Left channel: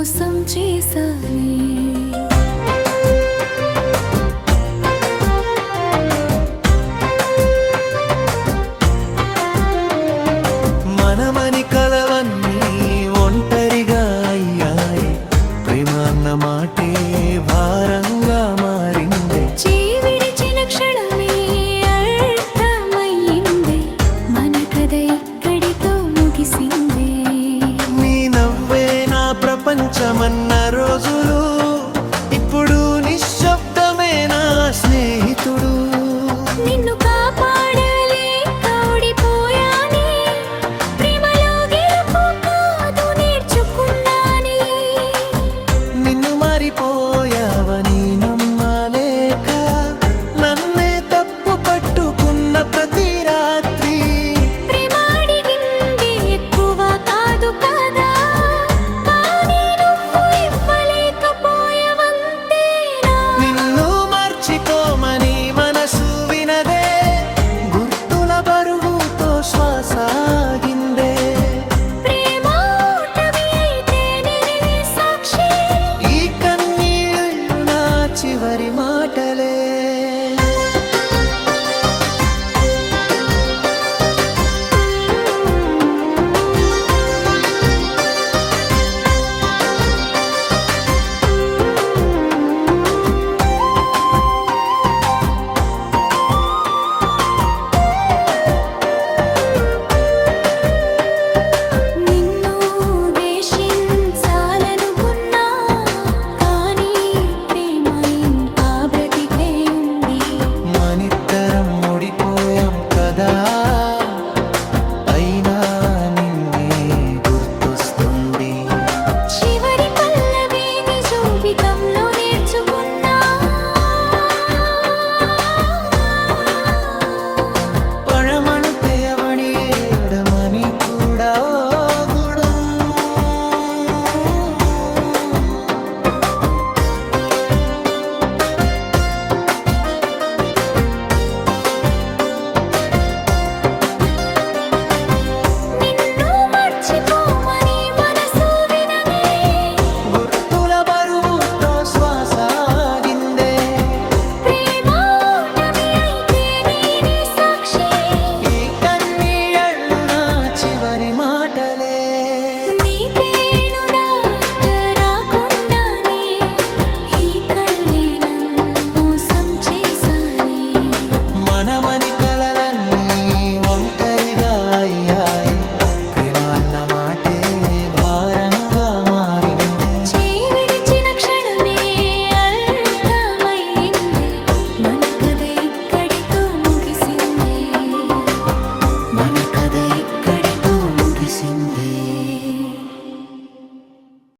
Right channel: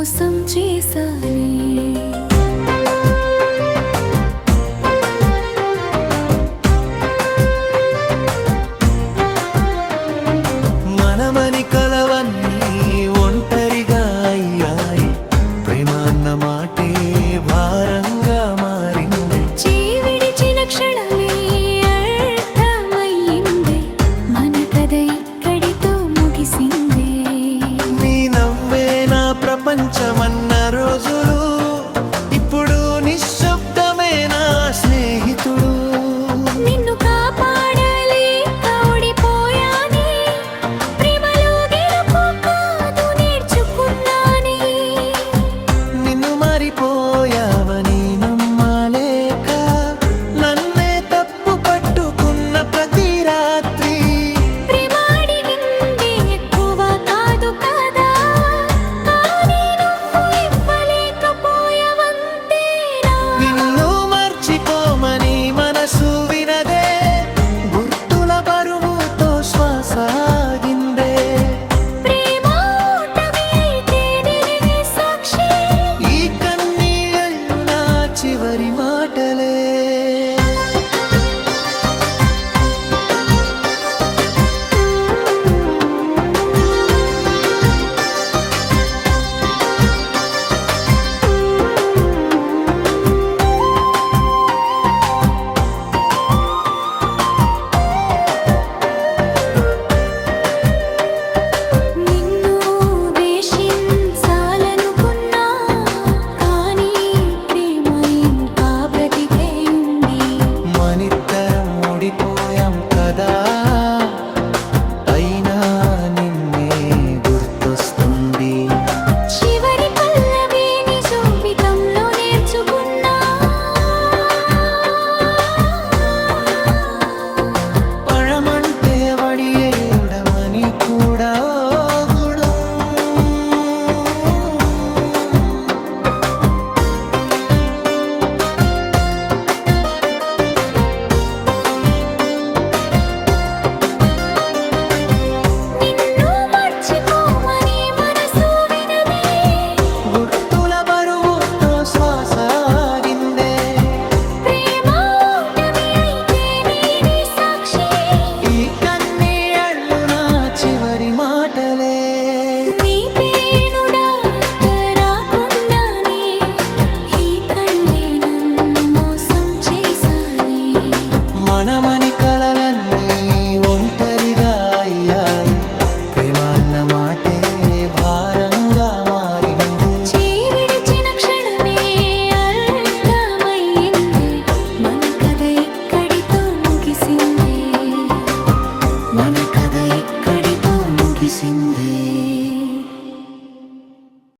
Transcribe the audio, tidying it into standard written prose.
మోసం చేశానే. మనమని కలవన్నీ ఒంటరిగా అయ్యాయి. ప్రేమ అన్న మాటే భారంగా మారింది. విడిచిన క్షణమే అర్థమయ్యింది, మన కథ ఇక్కడితో ముగిసింది. నీ నవ్వే నా ప్రపంచమన్న రోజులు ఇప్పుడు నిశ్శబ్దమే నా స్నేహితుడు. నిన్ను కాపాడలేక ఓడిపోయానే, ప్రేమలో గెలుపు కాదు నేర్చుకున్నానే. నిన్ను మారిపోయావని నమ్మలేక నన్నే తప్పు పట్టుకున్న ప్రతి రాత్రి. ప్రేమ అడిగింది ఎక్కువ కాదు కదా, కానీ నువ్వు ఇవ్వలేకపోయావంతేనా. నిన్ను మర్చిపోమని మనసు వినదే, గుర్తుల బరువుతో శ్వాస ఆగిందే. ప్రేమ ఓటమి అయితే నేనే సాక్షి, ఈ కన్నీళ్ళు నా చివరి మాటలే. నిన్ను ద్వేషించాలనుకున్నా, కానీ ప్రేమ ఇంకా బ్రతికే ఉంది. మనిద్దరం ఓడిపోయాం కదా, అయినా నిన్నే గుర్తొస్తుంది. చివరి పల్లవి నీ జీవితంలో నేర్చుకున్నా, పഴమంటే వడియేయడమని కూడా ఓ గుణం. నిన్ను మర్చిపోమని మనసు వినదే, గుర్తుల బరువుతో శ్వాస ఆగిందే. ప్రేమ ఓటమి అయితే నేనే సాక్షి, ఈ కన్నీళ్ళు నా చివరి మాటలే. నీ పేను డాక్టర్ రాకుండానే ఈ కళ్ళే నన్ను మోసం చేశానే. మనమని కలలన్నీ ఒంటరిగా అయ్యాయి. ప్రేమ అన్న మాటే భారంగా మారింది. విడిచిన క్షణమే అర్థమయ్యింది, మన కథ ఇక్కడితో ముగిసింది. మన కథ ఇక్కడితో ముగిసింది.